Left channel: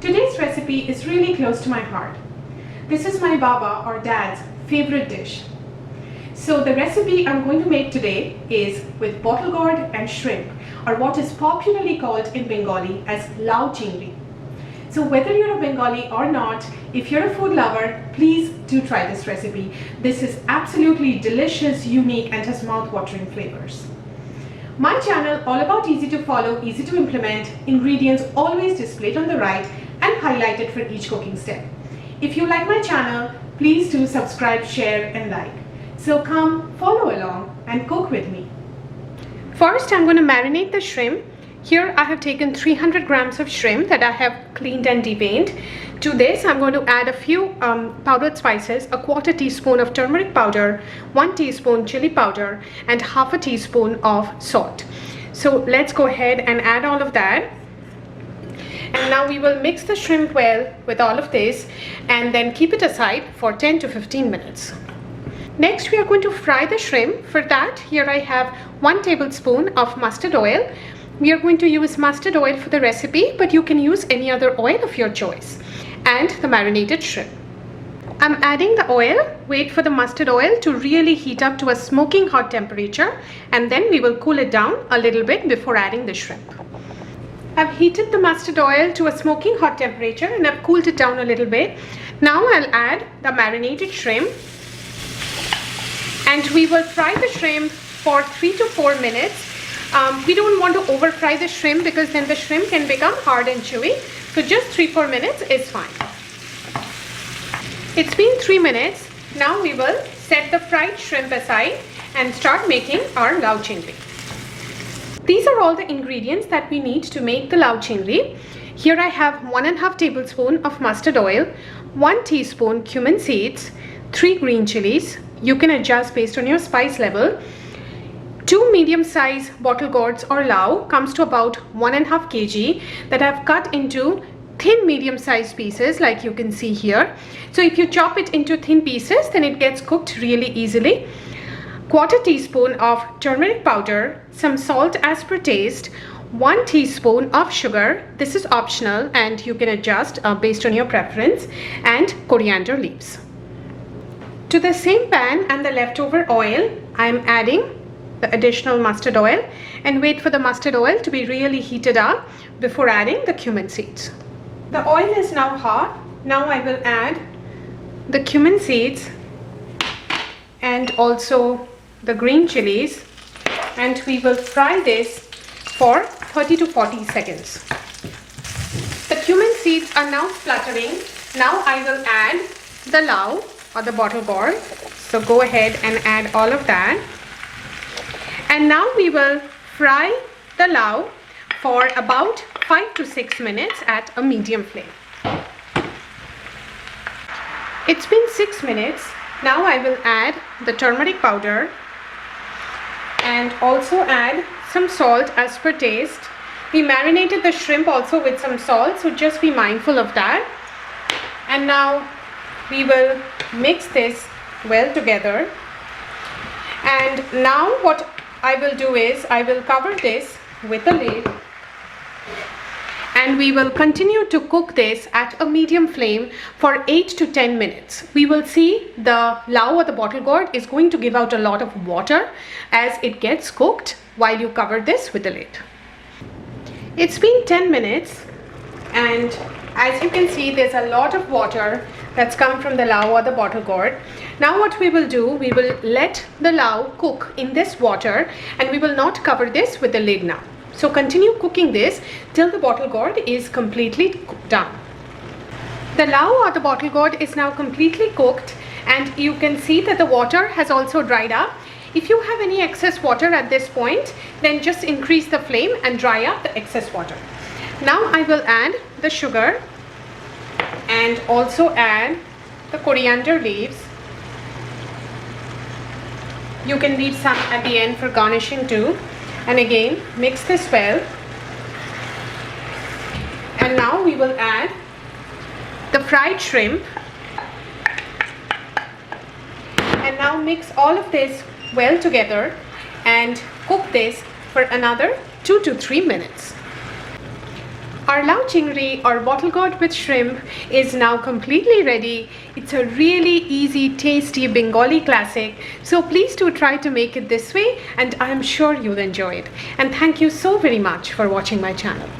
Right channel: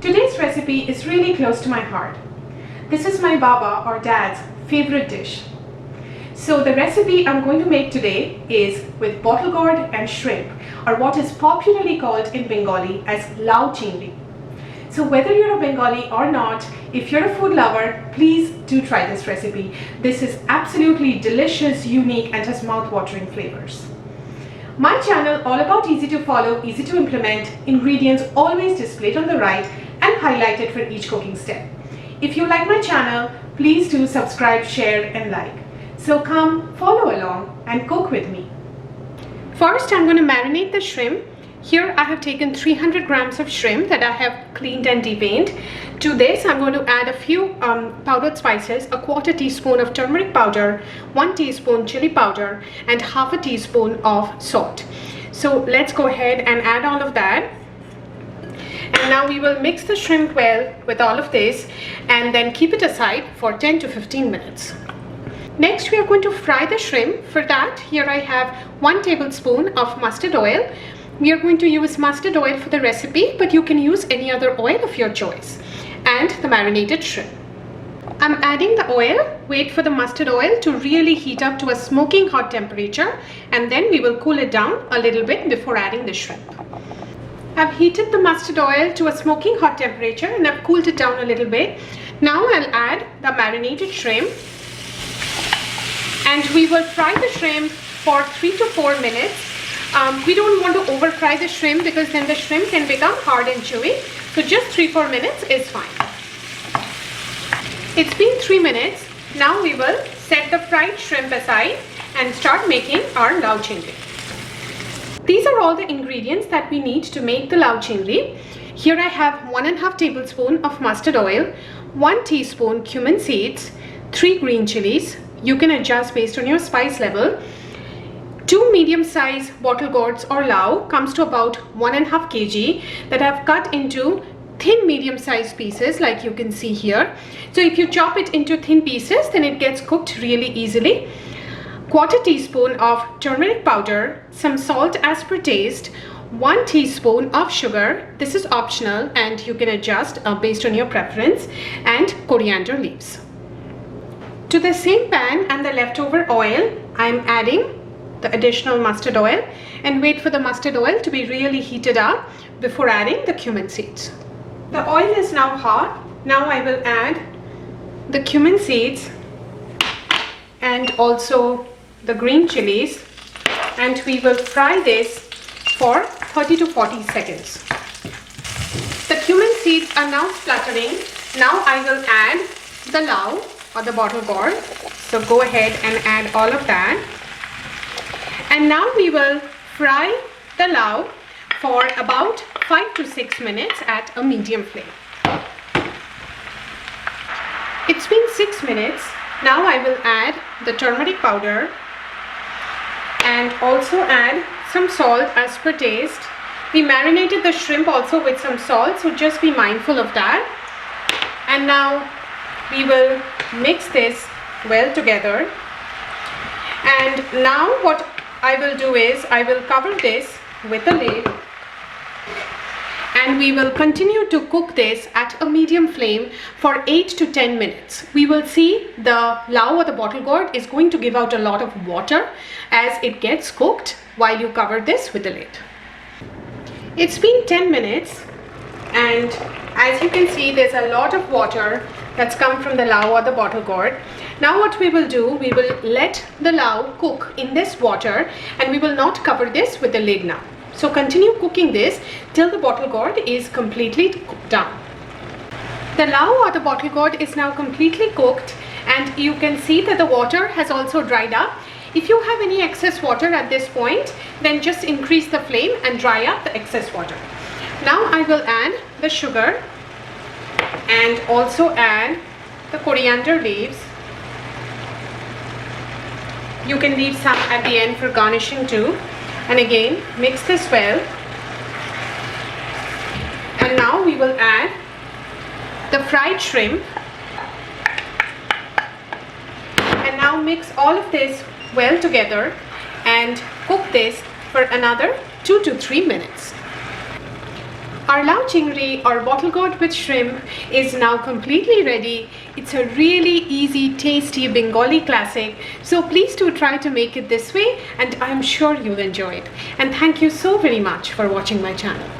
Today's recipe is really close to my heart. This is my Baba or Dad's favorite dish. So the recipe I'm going to make today is with Bottlegourd and shrimp, or what is popularly called in Bengali as Lau Chingri. So whether you're a Bengali or not, if you're a food lover, please do try this recipe. This is absolutely delicious, unique, and has mouth-watering flavors. My channel, all about easy to follow, easy to implement, ingredients always displayed on the right and highlighted for each cooking step. If you like my channel, please do subscribe, share, and like. So come follow along and cook with me. First, I'm going to marinate the shrimp. Here I have taken 300 grams of shrimp that I have cleaned and deveined. To this I'm going to add a few powdered spices, a quarter teaspoon of turmeric powder, 1 teaspoon chili powder, and half a teaspoon of salt. So let's go ahead and add all of that. And now we will mix the shrimp well with all of this and then keep it aside for 10 to 15 minutes. Next we are going to fry the shrimp. For that, here I have 1 tablespoon of mustard oil. We are going to use mustard oil for the recipe, but you can use any other oil of your choice. And the marinated shrimp. I'm adding the oil. Wait for the mustard oil to really heat up to a smoking hot temperature, and then we will cool it down a little bit before adding the shrimp. I've heated the mustard oil to a smoking hot temperature and I've cooled it down a little bit. Now I'll add the marinated shrimp, and we will fry the shrimp for 3 to 4 minutes. We don't want to over fry the shrimp because then the shrimp can become hard and chewy. So just 3-4 minutes is fine. It's been 3 minutes. Now we will set the fried shrimp aside and start making our Lau Chingri. These are all the ingredients that we need to make the Lau Chingri. Here I have 1.5 tablespoon of mustard oil, 1 teaspoon cumin seeds, 3 green chilies. You can adjust based on your spice level. 2 medium-sized bottle gourds or lau, comes to about 1.5 kg, that I've cut into thin medium-sized pieces like you can see here. So if you chop it into thin pieces, then it gets cooked really easily. 1/4 teaspoon of turmeric powder, some salt as per taste, 1 teaspoon of sugar, this is optional and you can adjust based on your preference, and coriander leaves. To the same pan and the leftover oil, I'm adding the additional mustard oil, and wait for the mustard oil to be really heated up before adding the cumin seeds. The oil is now hot. Now I will add the cumin seeds and also the green chilies, and we will fry this for 30 to 40 seconds. The cumin seeds are now splattering. Now I will add the lau or the Bottlegourd. So go ahead and add all of that. And now we will fry the lau for about 5 to 6 minutes at a medium flame. It's been 6 minutes. Now I will add the turmeric powder and also add some salt as per taste. We marinated the shrimp also with some salt, so just be mindful of that. And now we will mix this well together. And now what I will do is I will cover this with a lid, and we will continue to cook this at a medium flame for 8 to 10 minutes. We will see the lau or the Bottlegourd is going to give out a lot of water as it gets cooked while you cover this with the lid. It's been 10 minutes, and as you can see, there's a lot of water that's come from the lau or the Bottlegourd. Now what we will do, we will let the lau cook in this water, and we will not cover this with the lid now. So continue cooking this till the Bottlegourd is completely done. The lau or the Bottlegourd is now completely cooked, and you can see that the water has also dried up. If you have any excess water at this point, then just increase the flame and dry up the excess water. Now I will add the sugar and also add the coriander leaves. You can leave some at the end for garnishing too. And again, mix this well. And now we will add the fried shrimp. And now mix all of this well together and cook this for another 2 to 3 minutes. Our Lau Chingri or Bottlegourd with shrimp is now completely ready. It's a really easy, tasty Bengali classic. So please do try to make it this way and I'm sure you'll enjoy it. And thank you so very much for watching my channel.